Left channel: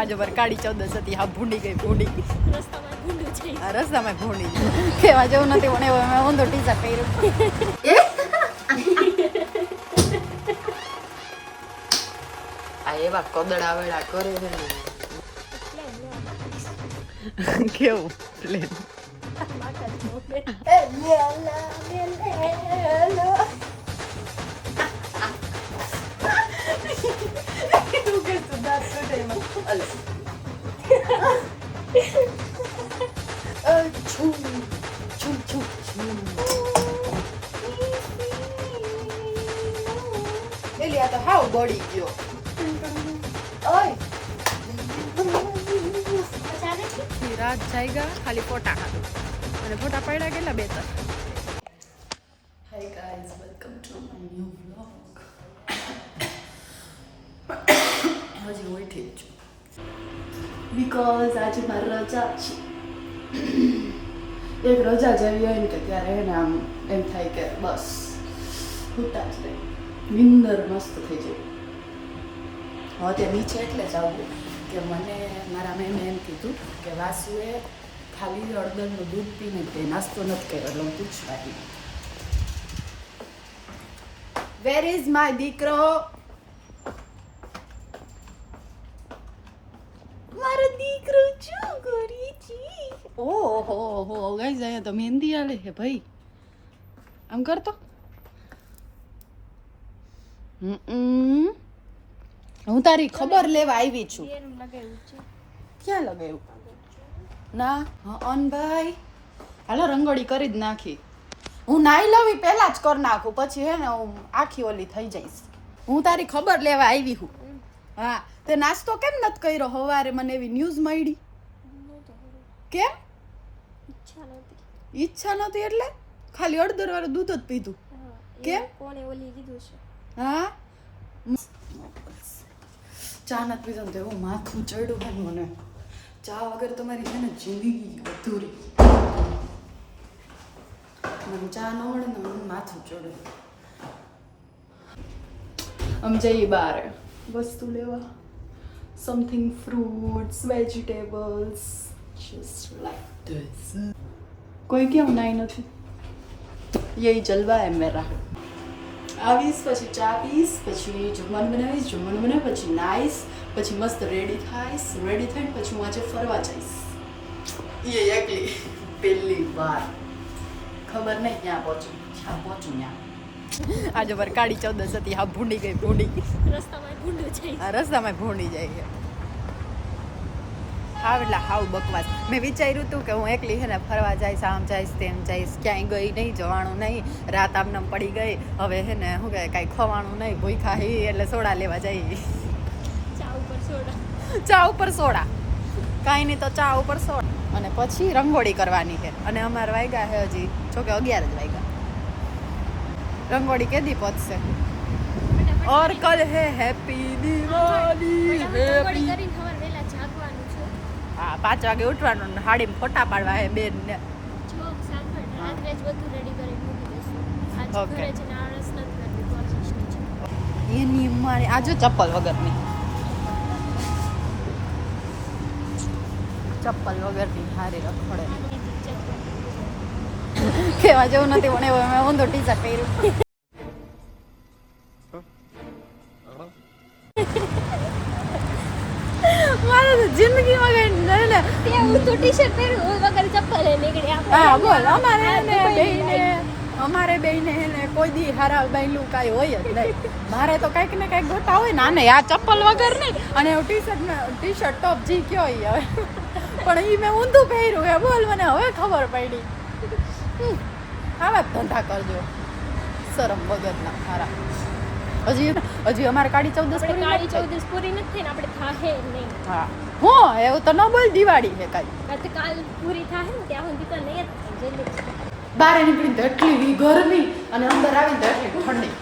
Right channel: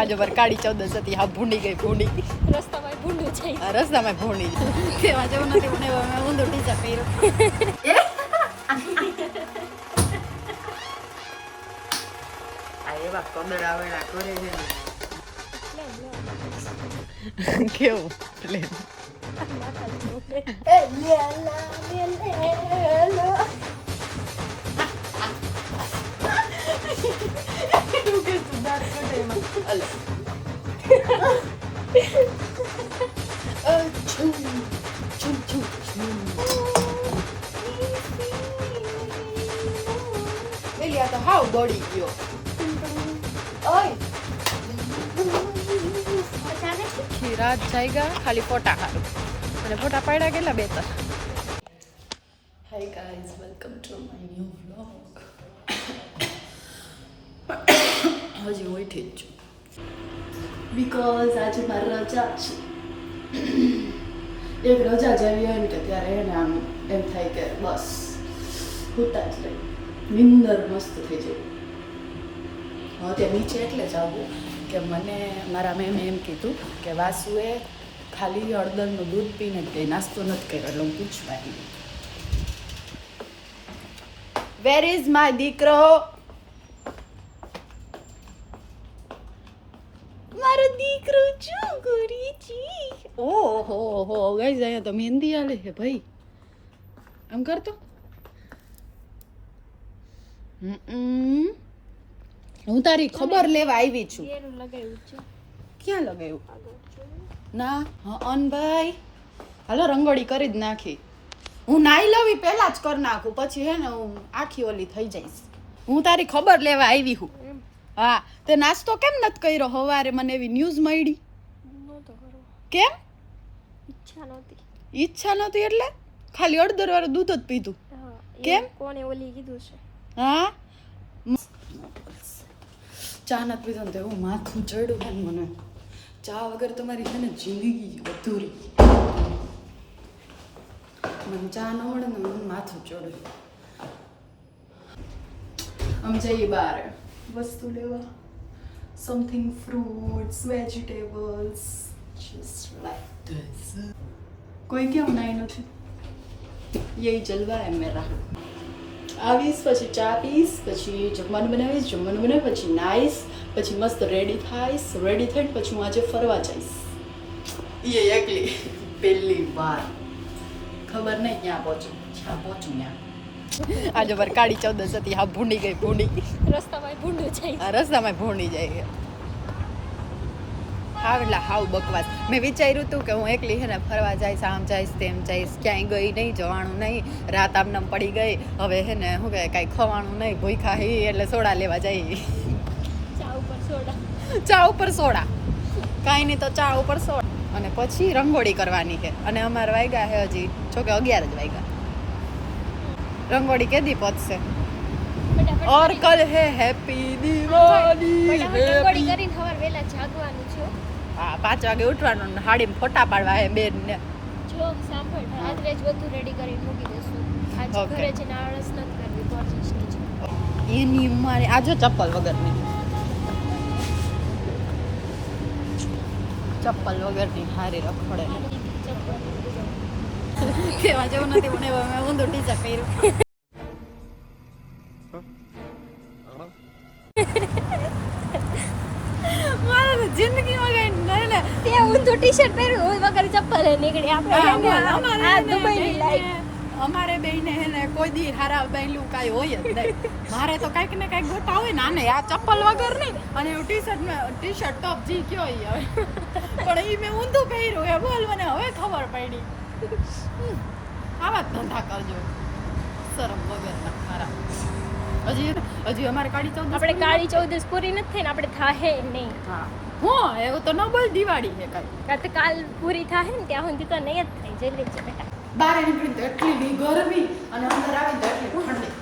આજે વાર કાળી 14 હતી. હા ભૂંડી ગઈ ભૂંડી. રસ્તામાં ભૂંડું છે. આ રસ્તામાં ભૂંડી. કેવા જેવું નથી મને મેં ઊંધો ટી-શર્ટ પહેર્યું. આ એવા કદડા વેડા કરે છે ને. કેવું પ્લેન તો હાવ બોડી ગયો. રાત જાયગા ખાલી ફોટા હારું અને ફોટા પાડ્યા કેટલા 2-3. Hi guys, welcome to my new vlog. હજી ઉઠી જ છું બીકોઝ આજે મારી રજા છે. એક રજા જેવી હોય ને કે ત્યારે એને આમ એમ થાય કે બસ હોતા જ રહે, નિંદર મસ્ત થઈ જાય. હવે ત્યાં નીચે એટલે જ આવું કે મને મારા મેમે એમ કીધું કે વાસુએ ખાલી હળદરનું દૂધ પીને તે નાસ્તો નથી કર્યો. એટલે હું પૂછવા આવી, વેર ઇઝ માય દીકરો? મારો દીકરો શું કરી છે? ઓહો હો ગાઈઝ, અહીંયા તો મહેંદી આલે છે ભાઈ. આમ કરતો હું તારી ખબર લેવા આવી છું. ક્યાં લગાવ્યું? ના અન ભાઈ હાલો રંગોળી કરી જ નાખી. હું નાઈ લવી પહેલા જ કરી નાખું, પછી હે ને હું આખી ઓલી થઈ જઈશ. હું તારી ખબર લેવા આવી હું. હા તે નાસ્તો કેમ નથી કર્યો સવારે? મને એવી ન્યૂઝ મળી. કેમ? ઈચ્છા નહોતી એટલે ખાલી અડધર વાળું દૂધ જ પીધું. કેમ? કોણે ઓલી કીધું છે? હા ચા નથી પીધો ને તો એવું માથું ચડ્યું હોય ને મને. ચા વગર તમારી છે ને જિંદગી અધૂરી. મને ચા ન મળે ને મને માથું ચડે. આમ જઈએ બહાર વસ્તુ લેવા, something fruits vegetables just like this. કોઈ કેમ નાઈ નથી? યહી જલવા હે મેરા. આવીશ પછી ચા પીશ, પછી જમવાનું બનાવીશ, જમવાનું બનાવી પછી નાઈશ, પછી મસ્ત રેડી થાઈશ. રેડી થઈને પછી હું આજે ફરવા જઈશ. એ એકલી પહેલી વાર. ખબર નહીં ક્યાં પહોંચું. જ્યાં પહોંચું ત્યાં. આજે વાર કાળી 14 હતી. હા ભૂંડી ગઈ ભૂંડી. રસ્તામાં ભૂંડું છે. આ રસ્તામાં ભૂંડી જાય છે. હાવ એટલે હાવ બકવાસ. મેં વિચાર્યું હતું કે હું એકલી છે ને ફરવા જઈશ, આમ જઈશ તેમ જઈશ, ક્યાંય ગઈ નહીં, જવાનું નહીં. રાત આમનામ પડી ગઈ. હવે છે ને શું કહે કાંઈ ખવાનું નહીં, ભૂખ્યા હી એટલે સોડા લેવા જઈ. ચા ઉપર સોડા. ચા ઉપર સોડા, કાંઈ નહીં તો ચા ઉપર સોડા. અને પછી રંગોળી કરવાની છે. અને અમારે વાગ્યા છે હજી જોકે 11 જ વાગ્યા. રંગોળી કેદી પહોંચશે? ઓર કલ હે હેપી દિવાળી. રંગોળી કરીને સવાર વહેલા જાગવાનું છે. હા 5 વાગે ઉઠવાનું, હાડીમાં ફોટા પાડવા હે બેન ને. જો સાંભળ, રાત્રે જ બધું રેડી કરીને મૂકી દેશું. આજ ઘરે જઈને આળસ નથી કરવી, કોશિશ છે. એની મારી આજે ચપ્પલ વગરની, ચપ્પલ વગરની હારી રખડે. કેવા જેવું નથી મને મેં ઊંધો ટી-શર્ટ પહેર્યું. મારે તો જિંદગીમાં કઈ નહીં ને. હું તો ટી-શર્ટ પહેરું વગર ચપ્પલ નીકળી આપણે. હા બોલ. અમારે બેને હે ને કોઈ દી હારા બાયલું કાંઈ હોય જ નહીં. મારે તો કાંઈક ને કાંઈક ગોતા હોય ને. આને આ ચપ્પલ વગર નહીં અને ટી-શર્ટ ટોપ જી કયો હવે. પણ એ મેં ઊંધું પહેર્યું હે. બોલ મને હવે ખબર પડી. આવા ધંધા કરજો શરમ વગરના હારા. હજી અમારે કાળી 14 આપણે કાળી 14 પૂરી નથી થઈ ને આપણે થાહે નહીં. હા હું એવું તો ન બોલ. દિવાળી છે કાલ. કાલ પૂરી થાય ને ત્યાં સુધી તો નહીં જ થાય. જલ્દી બહાર નીકળી તો એટલી ગરમી અને અંદર આવી તો એટલી ઠંડી.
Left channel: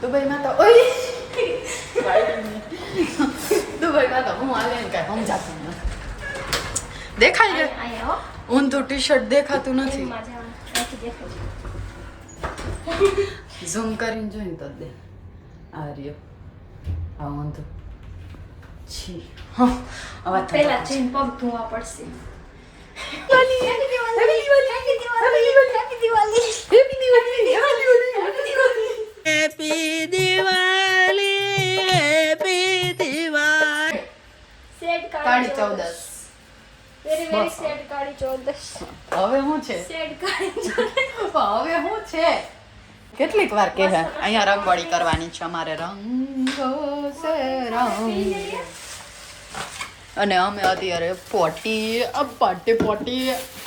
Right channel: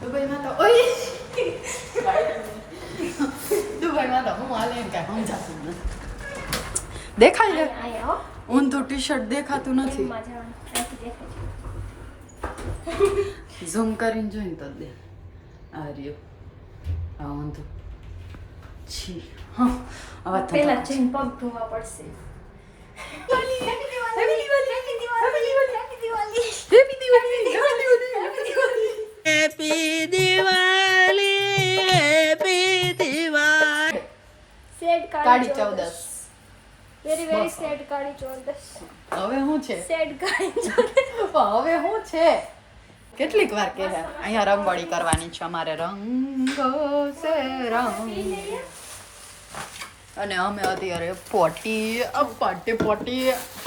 દુબઈમાં તો ઓય દુબઈમાં તો હું હાલે ને કાંઈ સમજાતું નથી. દેખાય છે ઊંધું ટી-શર્ટ દેખાતું નથી. ઝૂમ કરીને જોઈને તો દે આ રહ્યો આ ઊંધું. છી હા હવે પેલા જઈને પગ ધોવા પડશે. Happy Diwali happy Diwali sad Kali Chaudas very very sad Kali ચૌદસ. હવે શું છે સેડ કાળી ચૌદસ. હવે શું છે કેટલીક વાર કે અહીંયા રંગોળી કરવાની છે અમારે રંગો સે રંગ અને અમે અત્યારે પોટી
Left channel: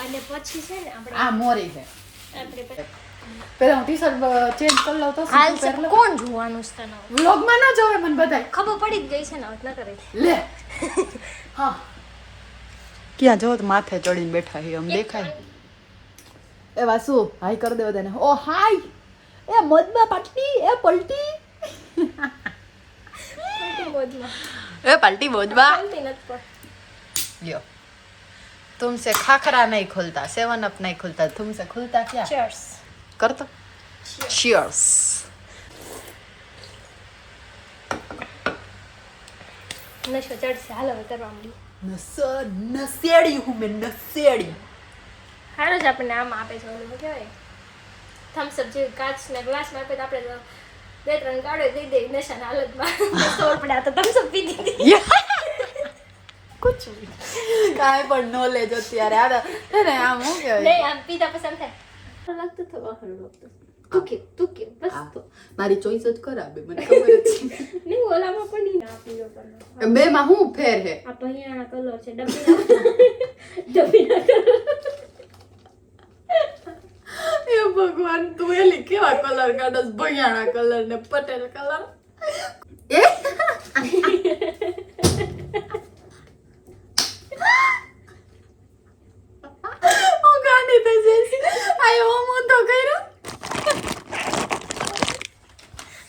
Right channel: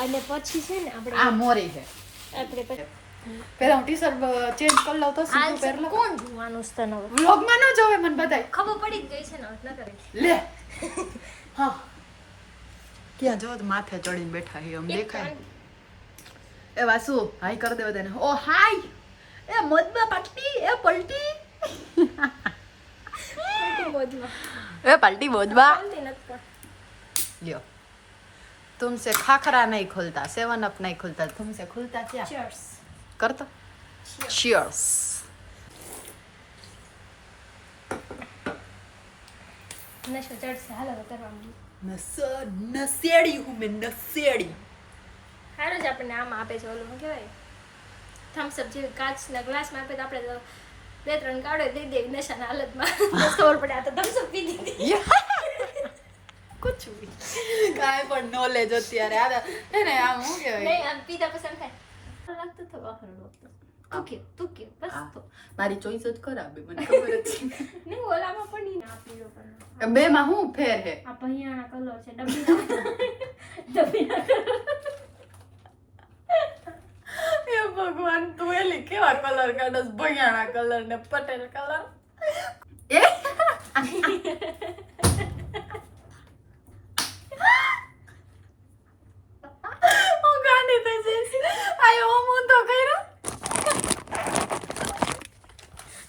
અને પછી છે ને આપણે આ મોરી છે આપણે પેલા હું ટી-શર્ટ ચેન્જ કરી લઉં તો સીધું પહેર લઉં કોણ જોવાનું છે તને? વ્લોગમાં ન જોવે મને બધાય ખબર પડી જ ગઈ છે ને એટલે કરે. લે હા ક્યાં જો માથે ચડીને બેઠા છે આમ દેખાય એવા શું હાય કરી દે બધાને ઓ હાય એ મદબા પાટી એ પલટી ખોટી મોજમાં. એ પલટી બોજબા ચાલતી નથી પણ. લ્યો तुमसे खाखरा नहीं खुलता 7 अप नहीं खुलता तुमसे खुलता क्या Cheers. कर तो cheers નશો ચડશે હાલો ઉતરવા માંડી. नसेड़ी हूँ मैं नसेड़ी હારો જ આપણને આમ આપે છે ઓલું શું કહેવાય થમ્સ અપ જે કાચના ગ્લાસમાં આપે તો આપણે તો 2-3 ગાડો દઈ દે નશાના હાલતમાં ખબર પડે આ તો થમ્સ અપ પી દીધી. कुछ भी કાંઈ પણ નોલેજ અત્યારે આ હે ને આમ શું કહેવાય નહીં આમ પીતા પસંદ થાય લાગતું તો વાહર લાગતું તું કે બસ તો મારી ચોઈસ જ ખરાબ મને ખબર જ છે નહીં ઓલામાં પણ નહીં ના પીલો કરવાનો. બે માં શું ફેર હે આ ભૈયાના કલર છે ડબ્બીના કલર. એ ભગવાન તું એલી કેવા કલર કાઢસ ભૈયાણા કલર ને પટેલ કલર એ હું ગાંડી થઈ જઈશ આયો હું તો કર્યો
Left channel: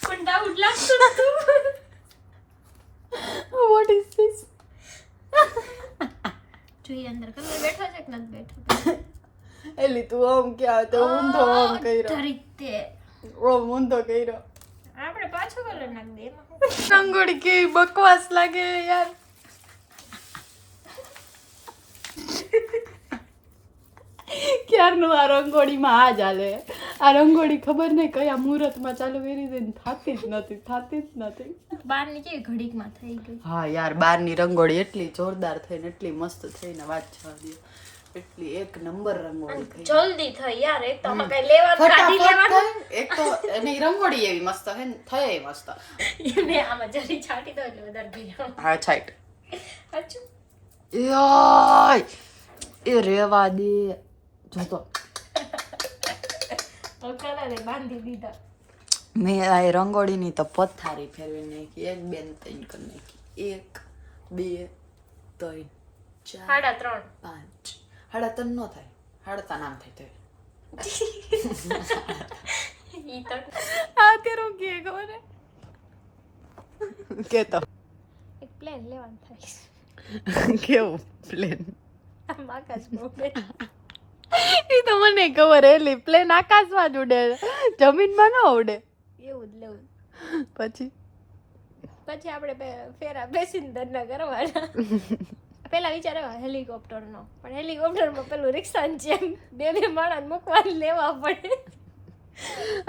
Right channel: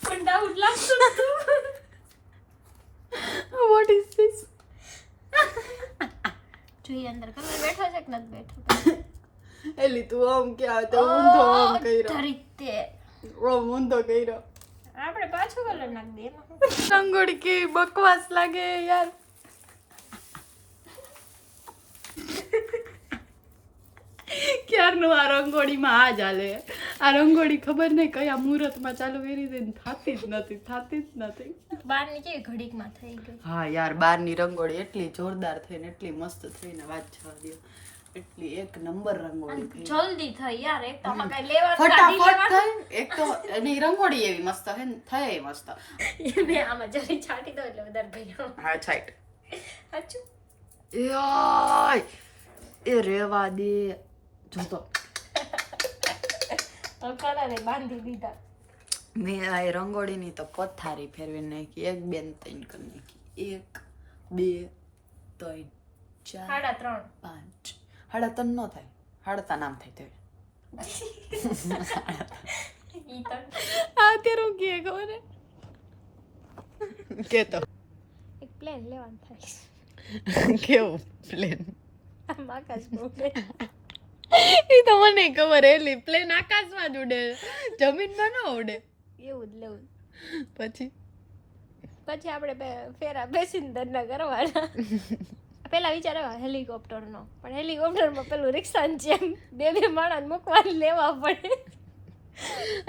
પણ ડાઉટ લાગતું હતું. વોટ ઇઝ ધીસ જોઈએ અંદર કલર બેઠો છે કે નથી બેઠો. એલી તું આમ ક્યાં તો ઊંધો આમ કર્યો રીતે ઓમ ઊંધો કર્યો આપણે પાછો કલર નાખ દે એમાં. રંગોળી કેવી બકવાસ લાગે યાર ક્યારનું આ રંગોળીમાં આ જ હાલે આ રંગોળી ખબર નહીં કયા મુહૂર્તમાં ચાલુ કરી દે ને થતી જ નથી બહારની કેવી ઘડીકમાં થઈ ગઈ. હા યાર બહારની રંગોળી એટલી જોરદાર થઈને એટલી મસ્ત થઈને વાત જવા દે એટલી એક નંબર રંગોળી થઈ જલ્દી થઈ યાર એક તો આપણે લેવા ફટાફટ થઈ એક તો એની રંગોળી એવી મસ્ત હે ને થઈ મસ્ત ને આમાં જરી છાંટી દો એટલે વધારે ભીનો. હા છાઈટ અચ્છા યાય એ રેવા દે જોતો કલરે બાંધી દીધા. મેં આ રંગોળીની તો પથારી ફેરવી નાખી 1 2 3 કરી નાખી 1 2 3 4 3.5 5 3.5 નો થાય 3.5 નામ થાય તે ઈ તો આ તેરો કે ખબર કે તો એક પ્લેન લેવાનું થાય. કેવું પ્લેન આમ આકાશ બોલે એ તો મને ખબર એલી પ્લેન આકાશમાં જ ઉડે જમીનમાં ન ઉડે એવું જ લેવું. પછી આપણે ફેરા બેસીને ધરના કરવાના. પેલા વિચાર આવ્યો હેલિકોપ્ટરનો પણ હેલિકોપ્ટરમાં પેલું રિક્ષાની જેમ બે માણસ મૂકવા લેવા પડે.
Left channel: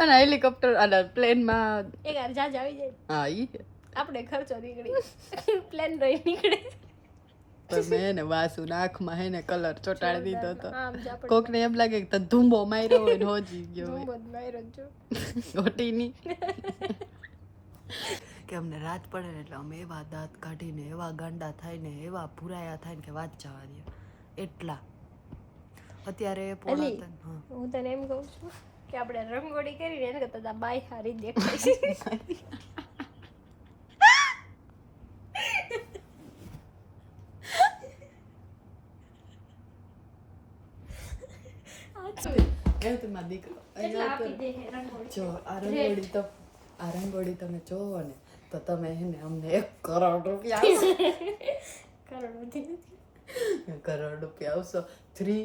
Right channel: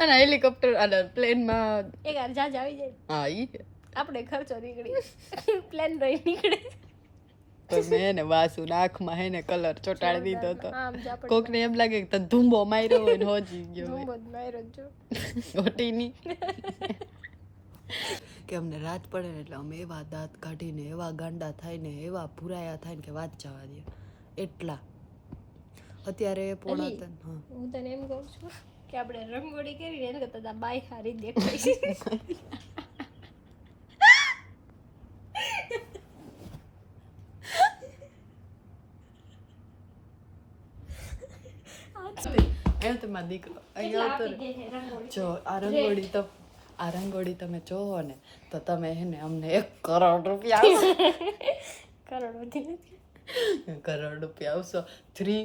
અને હેલિકોપ્ટર અને પ્લેનમાં એક વાર જાજ આવી જાય હા ઈ આપણે ખર્ચો નીકળી પ્લેન રહી નીકળે. તો મેં ને વાસુ આંખમાં હે ને કલર ચોટાડી દીધો હતો આમ જ આપણે કોકને એમ લાગે કે તને ધૂંબો માર્યો હોય ને હોજી ગયો હોય ધૂમો જ માર્યો જો. ઓટીની કે અમને રાત પડે ને એટલે અમે એવા દાંત કાઢીને એવા ગાંડા થાય ને એવા ભૂરાયા થાય ને કે વાત જવા દે એટલા અત્યારે પોણા અલી, ત્રણ હા હું તને એમ કહું છું કે આપણે રંગોળી કરીને એને કરતા બાય હારી દેખાય છે. એમ તો મારો દીકરો એટલે અહીંયા આપી તો દે છે રંગોળી. જો આ રંગોળી તમે જોવો ને તો તમે હે ને અમને 1 કરોડ રૂપિયા આવશો કરોડોથી નથી. 1 કરોડ રૂપિયા આવશો 3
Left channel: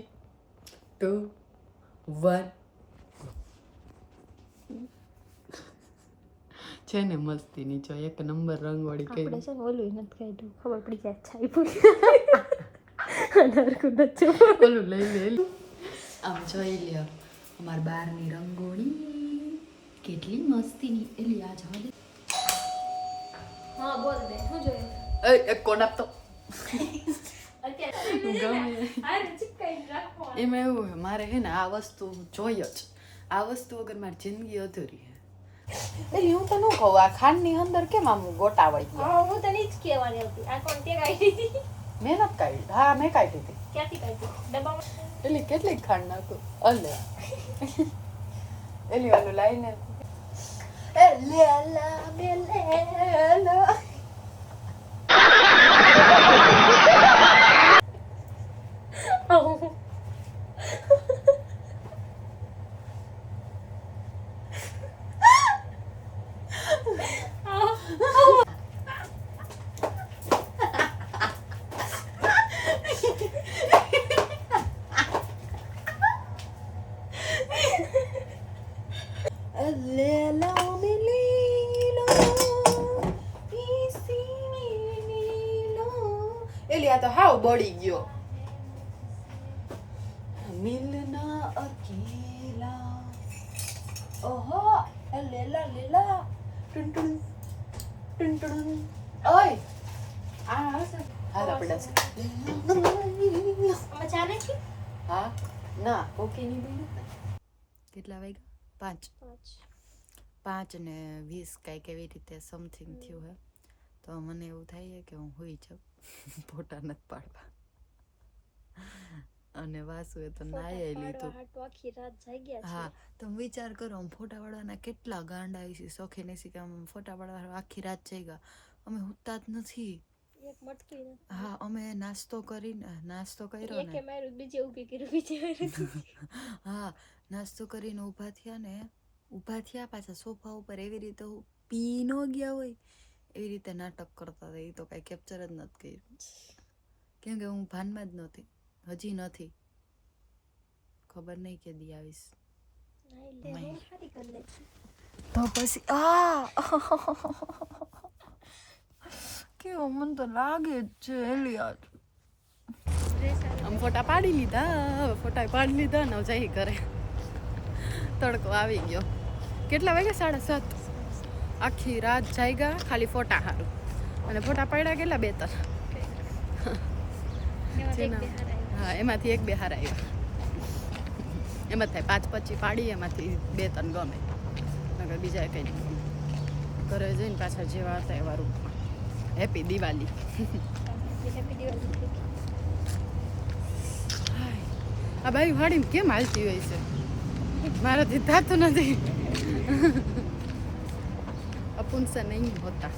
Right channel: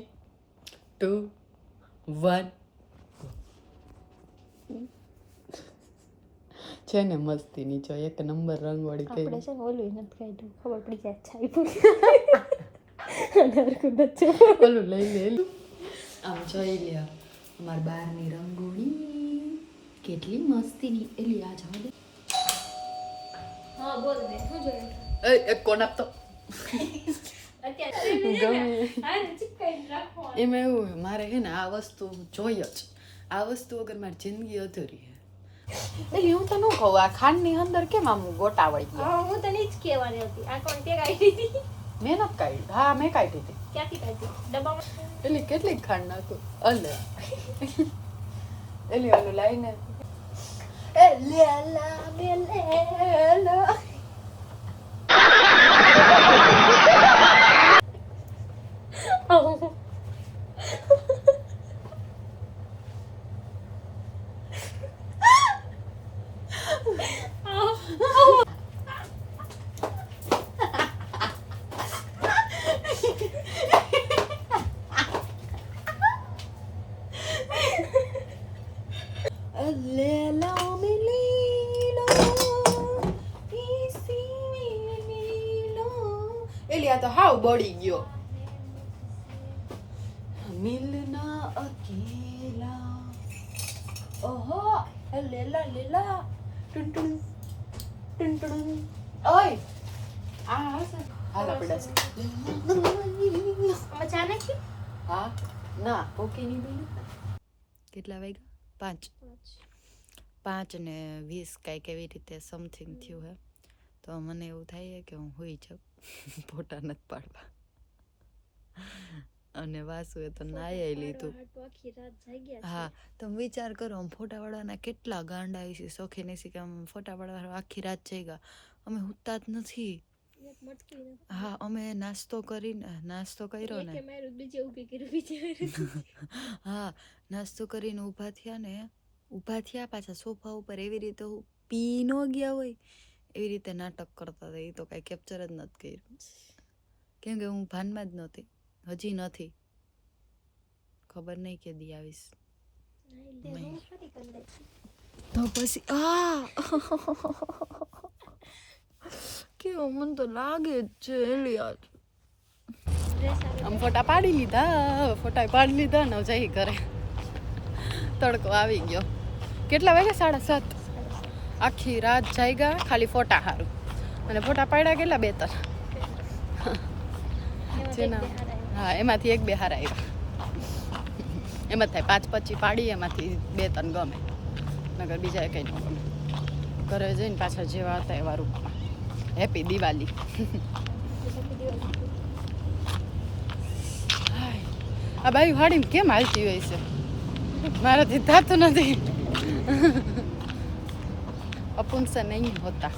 2 1 છે ને મસ્તીની જો એક નંબર રંગવાળી કઈ આપણે છે ને ઓલું નથી કાઢ્યું ખબર પડી જાય છાઈ પૂરી ઓલું લઈ લે આમ જોઈ લ્યો અમાર બારની રંગોળી કેટલી મસ્તીની એલી આ જવા દે હા બોલ દે શું જોયું એક કોણ આપતો એમાં એવું હે મારે હે ને આ વસ્તુ જોઈએ જ આ વસ્તુ વગર મારી જિંદગી અધૂરી હે એટલે હું તો ન કહું આ ખાંડની અંદર કેમ આમ ગોટાવાઈ ગયો હા હું તને જ કહેવાની હતી આ કોણ તે કાઢી હતી મેં નથી કાઢી હા મેં કાઢી હતી ક્યાંથી કાઢી ડબ્બામાં એટલે કેટલી ખાંડ નાખું અલે એલી ઓલું લાઈને એલી આ તો હાવ બળી ગયો મિલના અકેલા ઓહો લેલા લેલા ટુન ટુન ટુન ટુન ઓય આ હશે હાલ આપણે મજા નથી હા ના ઓકે નહીં બેન કેટલા વાગ્યા 5 ને 20 કાંઈક એવી રીતે સમથિંગ થયું હે તો મને એવું થાય કે હું હોઈ જાઉં ફોટા નથી પાડવા અને વાસુએ તો નાઈ લીધું હા તમે વિચાર કરો આમ ફોટા પાડવાના કેટલા ગાંડા આવી છે શોખીન છે કે આમ ફોટા પાડવા આખી રાત જઈ ગયા અમે ઉઠતા જ નથી હા અમે નાસ્તો કર્યો ને હા નાસ્તો કરીને ઊભા થયા પાછા સોફા ઉપર એવી રીતે પી ન ગયા હોય એવી રીતે નાટક કરતા હતા એ તો કાંઈ કેપ્ચર જ નથી કર્યું કેમ કે હું ભાનમાં જ નહોતી હજી નથી ખબર નહીં કે દી આવીશ તો પછી કેવું મને તો લાગે જ છે એલી આજ આમ ફોટા પાડી લીધા ને જઈ ઘરે તડકો આવી ગયો કેટલા વાગ્યા 7:30 આખી રાત જાગ્યા ખાલી ફોટા હારું અને ફોટા પાડ્યા કેટલા 2-3 હા એમાંથી 1-2 હારા આવ્યા એમાં થાય 5-25 પાડી એમાંથી 2-3 ગમે નકર બીજા કંઈ ન ગમે ઘરે જઈને પાછા જેવા હતા એવા રૂપમાં હેપી દિવાળી આ બાઈ વાડીને કેમ હાલતી હોય છે મારાથી થતું નથી અપુન સે નહીં હોતા